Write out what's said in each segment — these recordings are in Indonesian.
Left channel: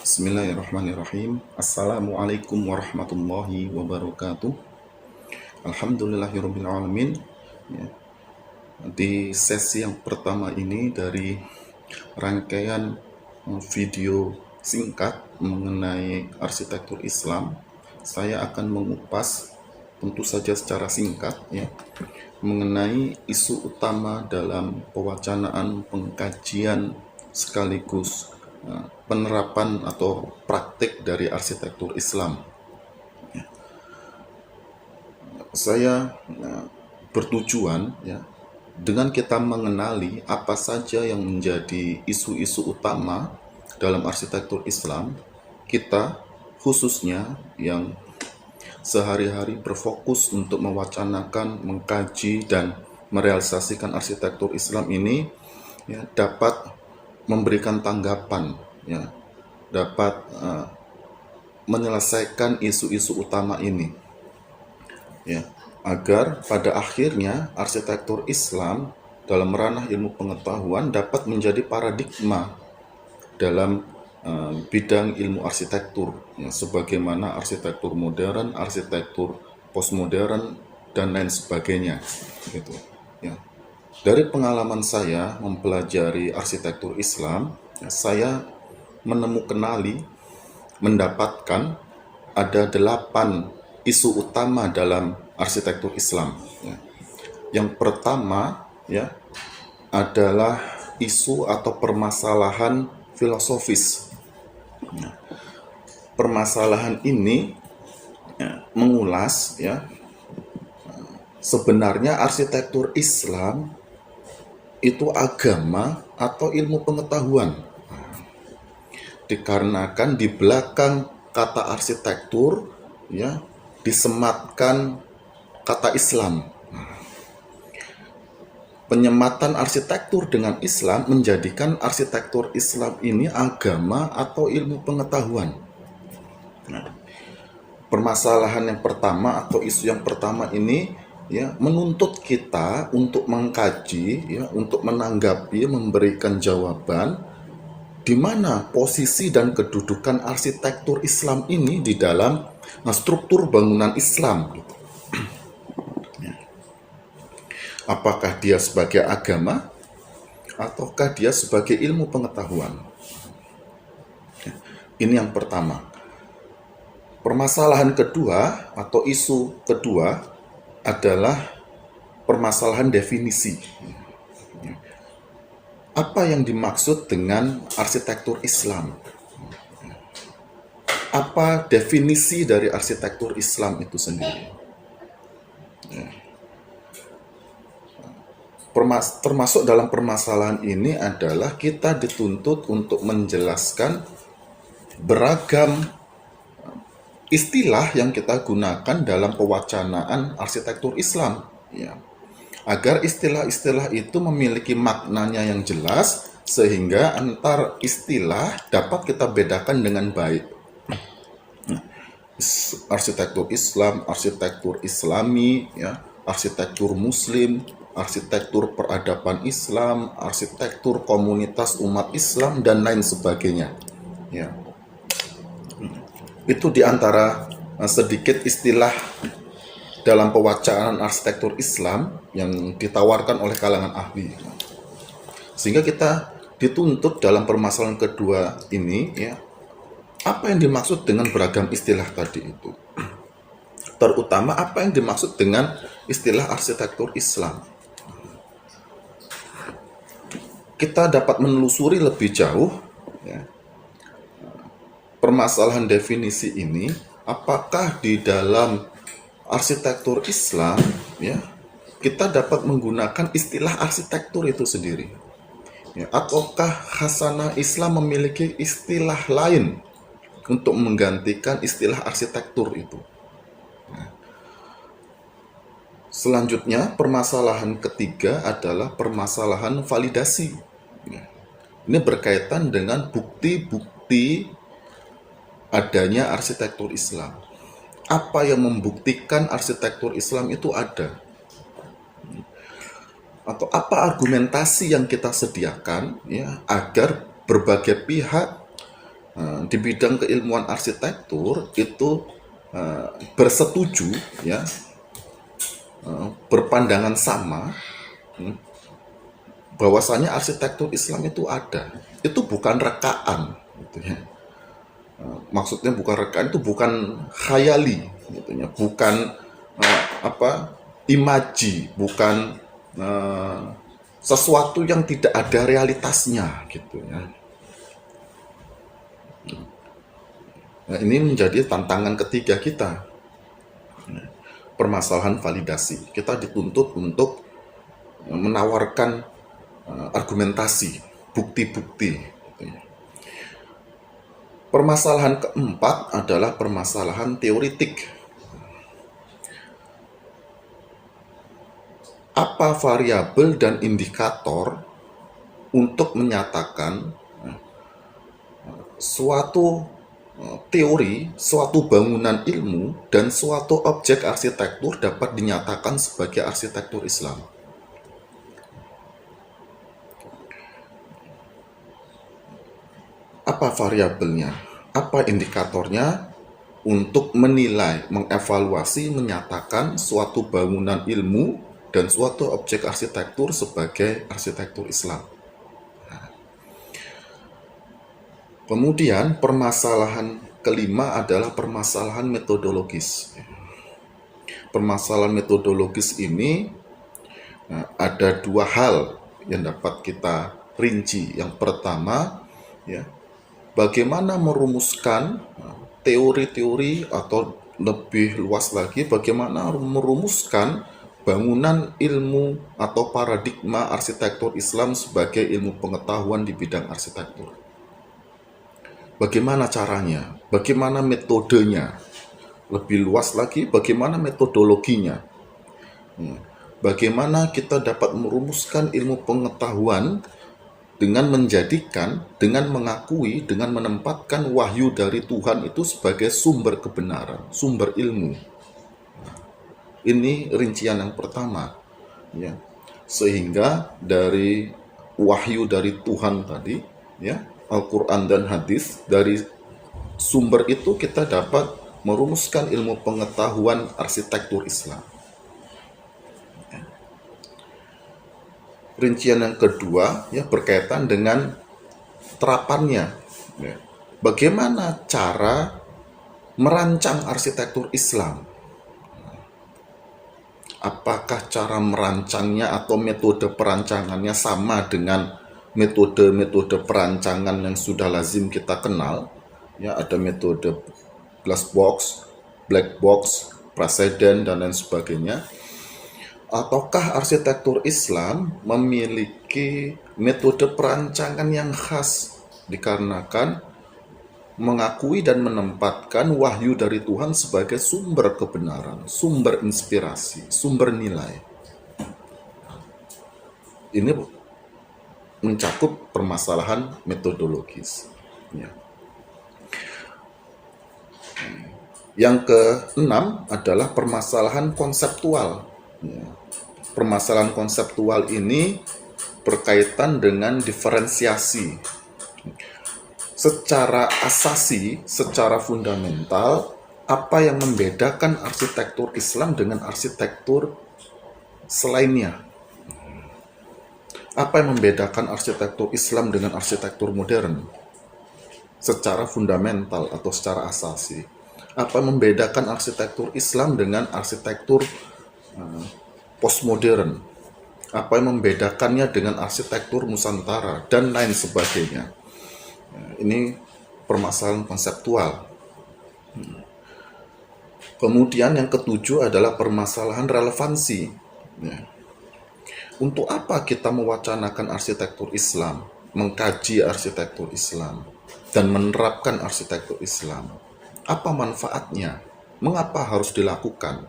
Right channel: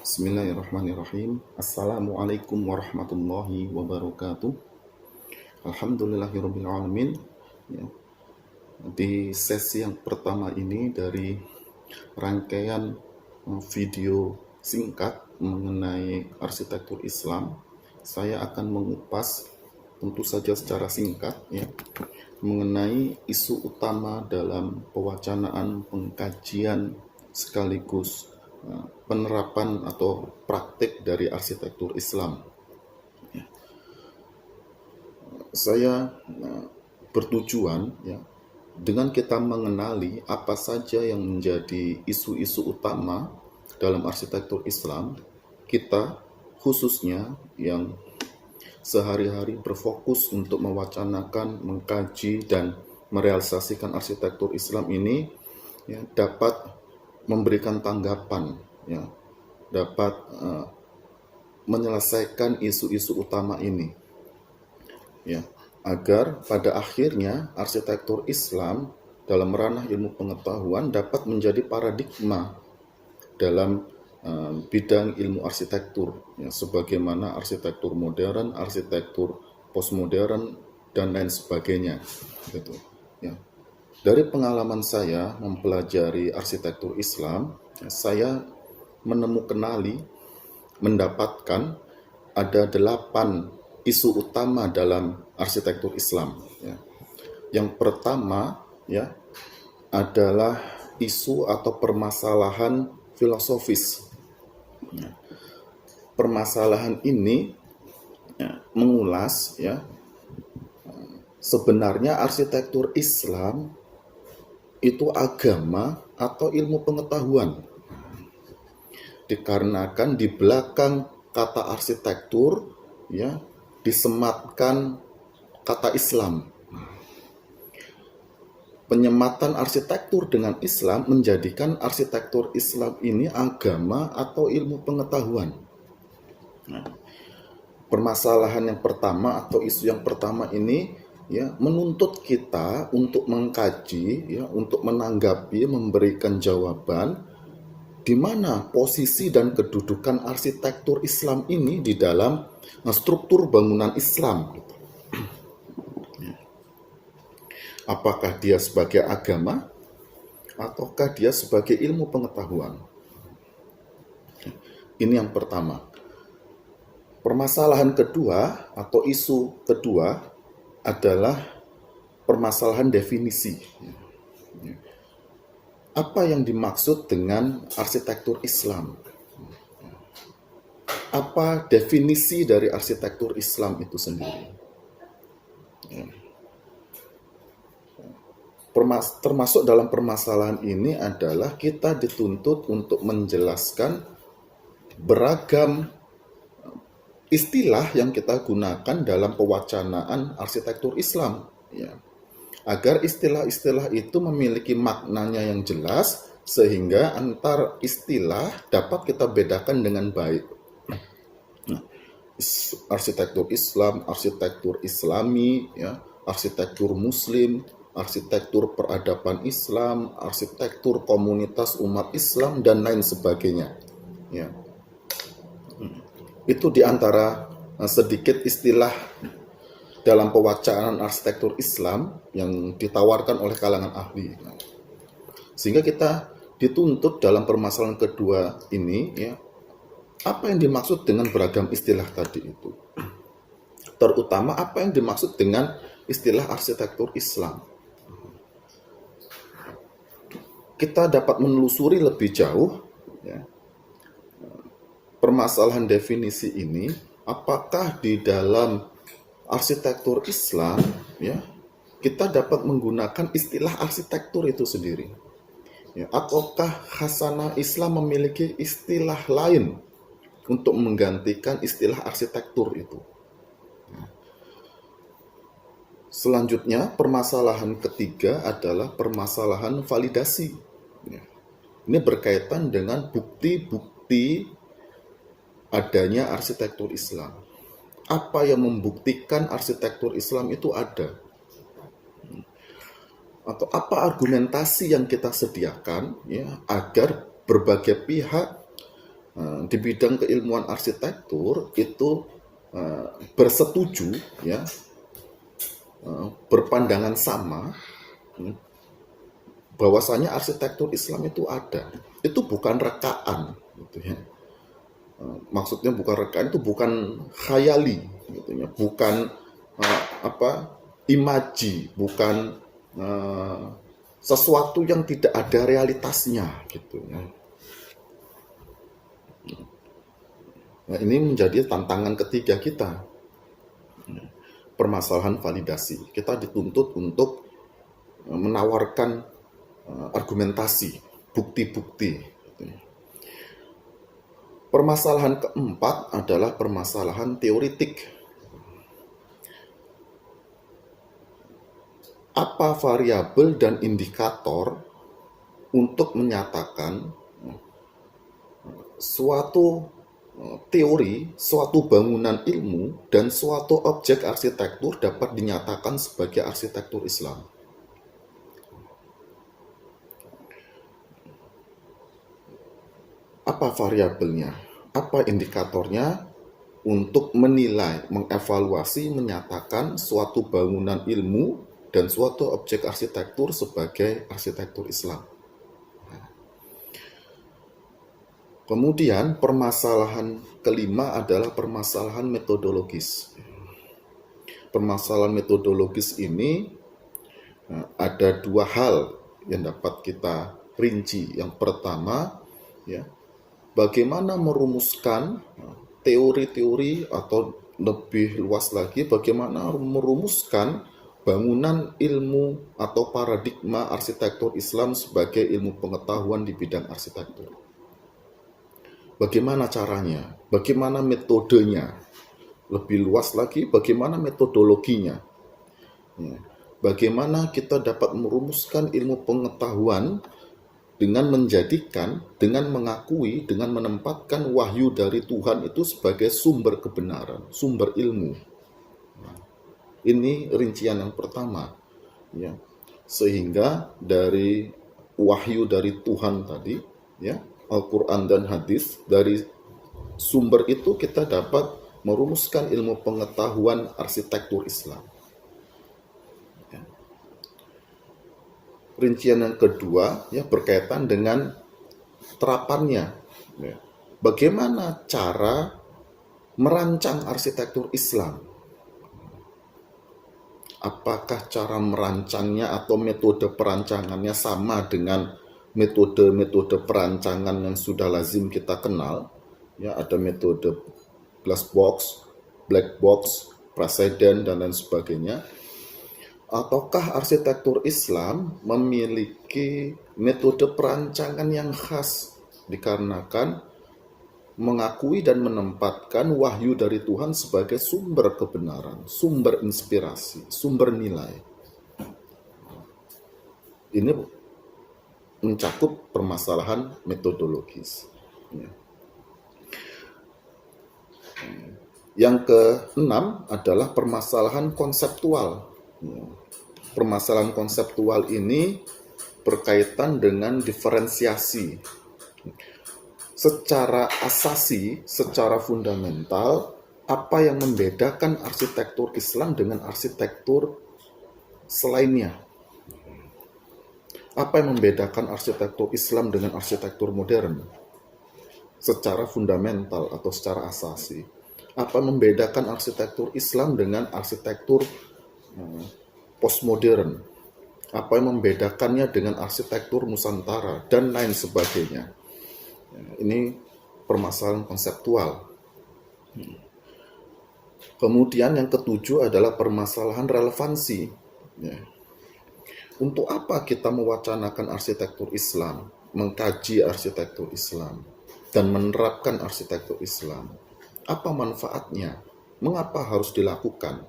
Bismillahirrahmanirrahim. Assalamualaikum warahmatullahi wabarakatuh. Alhamdulillahirabbil alamin. Ya, di sesi yang pertama ini dari rangkaian video singkat mengenai arsitektur Islam, saya akan mengupas tentu saja secara singkat ya mengenai isu utama dalam pewacanaan, pengkajian sekaligus penerapan atau praktik dari arsitektur Islam. Saya bertujuan ya dengan kita mengenali apa saja yang menjadi isu-isu utama dalam arsitektur Islam, kita khususnya yang sehari-hari berfokus untuk mewacanakan, mengkaji, dan merealisasikan arsitektur Islam ini ya, dapat memberikan tanggapan, ya, dapat menyelesaikan isu-isu utama ini, ya, agar pada akhirnya arsitektur Islam dalam ranah ilmu pengetahuan dapat menjadi paradigma dalam bidang ilmu arsitektur, ya, sebagaimana arsitektur modern, arsitektur postmodern, dan lain sebagainya, gitu. Ya. Dari pengalaman saya mempelajari arsitektur Islam, ya, saya mendapatkan ada 8 isu utama dalam arsitektur Islam. Ya. Yang pertama, ya, adalah isu atau permasalahan filosofis. Permasalahan ini ya, mengulas ya sebenarnya arsitektur Islam itu agama atau ilmu pengetahuan. Dikarenakan di belakang kata arsitektur ya disematkan kata Islam. Penyematan arsitektur dengan Islam menjadikan arsitektur Islam ini agama atau ilmu pengetahuan. Nah, permasalahan yang pertama atau isu yang pertama ini ya menuntut kita untuk mengkaji, ya, untuk menanggapi, memberikan jawaban di mana posisi dan kedudukan arsitektur Islam ini di dalam struktur bangunan Islam. Apakah dia sebagai agama ataukah dia sebagai ilmu pengetahuan? Ini yang pertama. Permasalahan kedua atau isu kedua adalah permasalahan definisi. Apa yang dimaksud dengan arsitektur Islam? Apa definisi dari arsitektur Islam itu sendiri? Termasuk dalam permasalahan ini adalah kita dituntut untuk menjelaskan beragam istilah yang kita gunakan dalam pewacanaan arsitektur Islam, ya, agar istilah-istilah itu memiliki maknanya yang jelas sehingga antar istilah dapat kita bedakan dengan baik. Arsitektur Islam, arsitektur Islami, ya, arsitektur Muslim, arsitektur peradaban Islam, arsitektur komunitas umat Islam, dan lain sebagainya. Ya. Itu diantara sedikit istilah dalam pewacanaan arsitektur Islam yang ditawarkan oleh kalangan ahli. Sehingga kita dituntut dalam permasalahan kedua ini, ya, apa yang dimaksud dengan beragam istilah tadi itu. Terutama apa yang dimaksud dengan istilah arsitektur Islam. Kita dapat menelusuri lebih jauh ya, permasalahan definisi ini, apakah di dalam arsitektur Islam ya kita dapat menggunakan istilah arsitektur itu sendiri ya, ataukah khasanah Islam memiliki istilah lain untuk menggantikan istilah arsitektur itu. Selanjutnya, permasalahan ketiga adalah permasalahan validasi. Ini berkaitan dengan bukti-bukti adanya arsitektur Islam. Apa yang membuktikan arsitektur Islam itu ada? Atau apa argumentasi yang kita sediakan ya agar berbagai pihak di bidang keilmuan arsitektur itu bersetuju, ya, berpandangan sama, bahwasanya arsitektur Islam itu ada. Itu bukan rekaan, gitu ya. Maksudnya bukan rekaan, itu bukan khayali, gitu ya. Bukan imaji, bukan sesuatu yang tidak ada realitasnya, gitu ya. Nah, ini menjadi tantangan ketiga kita. Permasalahan validasi. Kita dituntut untuk menawarkan argumentasi, bukti-bukti. Permasalahan keempat adalah permasalahan teoritik. Apa variabel dan indikator untuk menyatakan suatu teori, suatu bangunan ilmu, dan suatu objek arsitektur dapat dinyatakan sebagai arsitektur Islam? Apa variabelnya? Apa indikatornya untuk menilai, mengevaluasi, menyatakan suatu bangunan ilmu dan suatu objek arsitektur sebagai arsitektur Islam? Kemudian permasalahan kelima adalah permasalahan metodologis. Permasalahan metodologis ini ada dua hal yang dapat kita rinci. Yang pertama, ya, bagaimana merumuskan teori-teori, atau lebih luas lagi, bagaimana merumuskan bangunan ilmu atau paradigma arsitektur Islam sebagai ilmu pengetahuan di bidang arsitektur. Bagaimana caranya? Bagaimana metodenya? Lebih luas lagi, bagaimana metodologinya? Bagaimana kita dapat merumuskan ilmu pengetahuan dengan menjadikan, dengan mengakui, dengan menempatkan wahyu dari Tuhan itu sebagai sumber kebenaran, sumber ilmu. Ini rincian yang pertama, ya. Sehingga dari wahyu dari Tuhan tadi, ya, Al-Quran dan hadis, dari sumber itu kita dapat merumuskan ilmu pengetahuan arsitektur Islam. Rincian yang kedua, ya, berkaitan dengan terapannya. Ya. Bagaimana cara merancang arsitektur Islam? Apakah cara merancangnya atau metode perancangannya sama dengan metode-metode perancangan yang sudah lazim kita kenal? Ya, ada metode glass box, black box, preseden, dan lain sebagainya. Ataukah arsitektur Islam memiliki metode perancangan yang khas dikarenakan mengakui dan menempatkan wahyu dari Tuhan sebagai sumber kebenaran, sumber inspirasi, sumber nilai? Ini mencakup permasalahan metodologis. Ya. Yang keenam adalah permasalahan konseptual. Permasalahan konseptual ini berkaitan dengan diferensiasi. Secara asasi, secara fundamental, apa yang membedakan arsitektur Islam dengan arsitektur selainnya? Apa yang membedakan arsitektur Islam dengan arsitektur modern? Secara fundamental atau secara asasi. Apa yang membedakan arsitektur Islam dengan arsitektur postmodern? Apa yang membedakannya dengan arsitektur Nusantara dan lain sebagainya? Ini permasalahan konseptual. Kemudian yang ketujuh adalah permasalahan relevansi. Untuk apa kita mewacanakan arsitektur Islam, mengkaji arsitektur Islam, dan menerapkan arsitektur Islam? Apa manfaatnya? Mengapa harus dilakukan?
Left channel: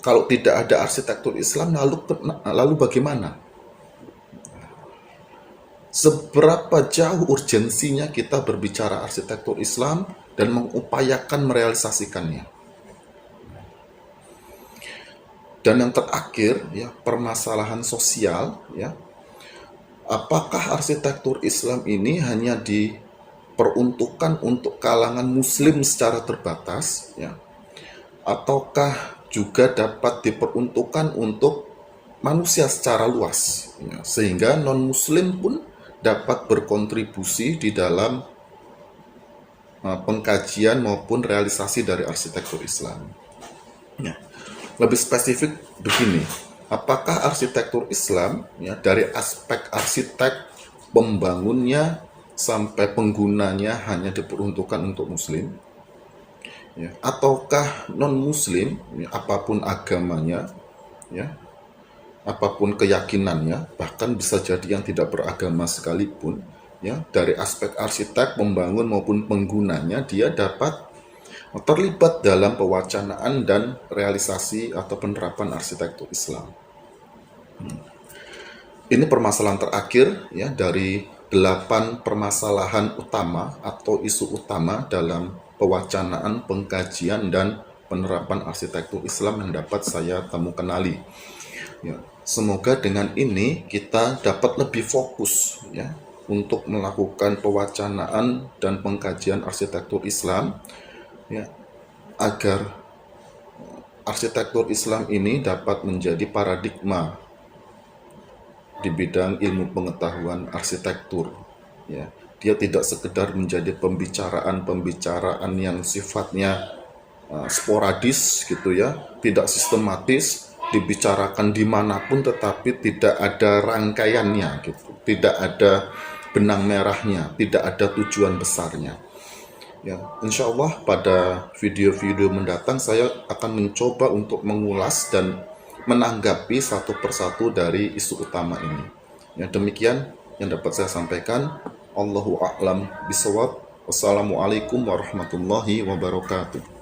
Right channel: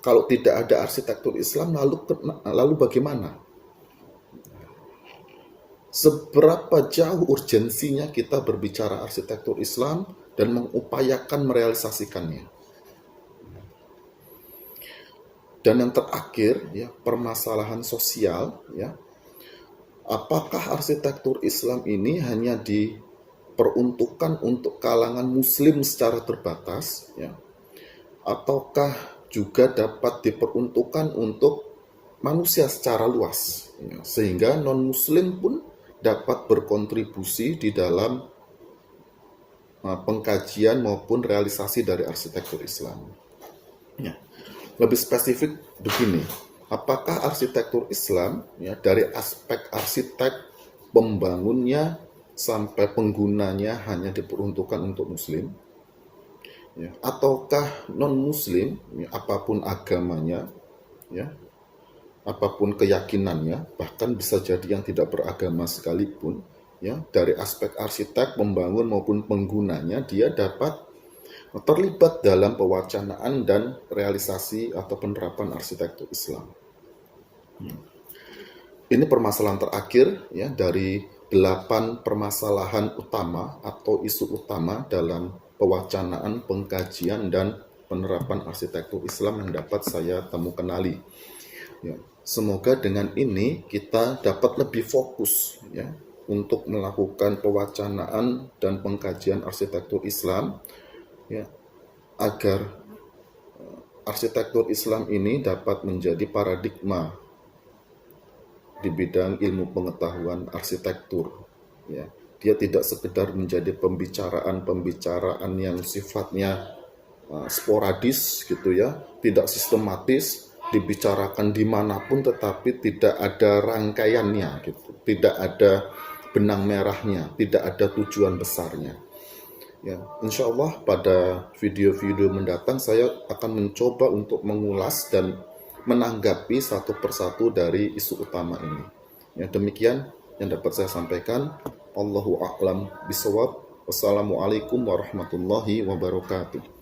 Kalau tidak ada arsitektur Islam, lalu bagaimana? Seberapa jauh urgensinya kita berbicara arsitektur Islam dan mengupayakan merealisasikannya? Dan yang terakhir, ya, permasalahan sosial, ya. Apakah arsitektur Islam ini hanya diperuntukkan untuk kalangan muslim secara terbatas, ya, ataukah juga dapat diperuntukkan untuk manusia secara luas, ya, sehingga non-muslim pun dapat berkontribusi di dalam pengkajian maupun realisasi dari arsitektur Islam. Ya. Lebih spesifik begini, apakah arsitektur Islam, ya, dari aspek arsitek, pembangunnya sampai penggunanya hanya diperuntukkan untuk muslim, ya, ataukah non-muslim, ya, apapun agamanya, ya, apapun keyakinannya, bahkan bisa jadi yang tidak beragama sekalipun, ya, dari aspek arsitek, pembangun maupun penggunanya, dia dapat terlibat dalam pewacanaan dan realisasi atau penerapan arsitektur Islam. Ini permasalahan terakhir, ya, dari 8 permasalahan utama atau isu utama dalam pewacanaan, pengkajian, dan penerapan arsitektur Islam yang dapat saya kenali. Ya, semoga dengan ini kita dapat lebih fokus, ya, untuk melakukan pewacanaan dan pengkajian arsitektur Islam, ya, agar arsitektur Islam ini dapat menjadi paradigma di bidang ilmu pengetahuan arsitektur. Ya, dia tidak sekedar menjadi pembicaraan yang sifatnya sporadis gitu, ya, tidak sistematis, dibicarakan dimanapun tetapi tidak ada rangkaiannya gitu, tidak ada benang merahnya, tidak ada tujuan besarnya. Ya, insya Allah pada video-video mendatang saya akan mencoba untuk mengulas dan menanggapi satu persatu dari isu utama ini. Ya, demikian yang dapat saya sampaikan. Allahu a'lam bishawab. Wassalamualaikum warahmatullahi wabarakatuh.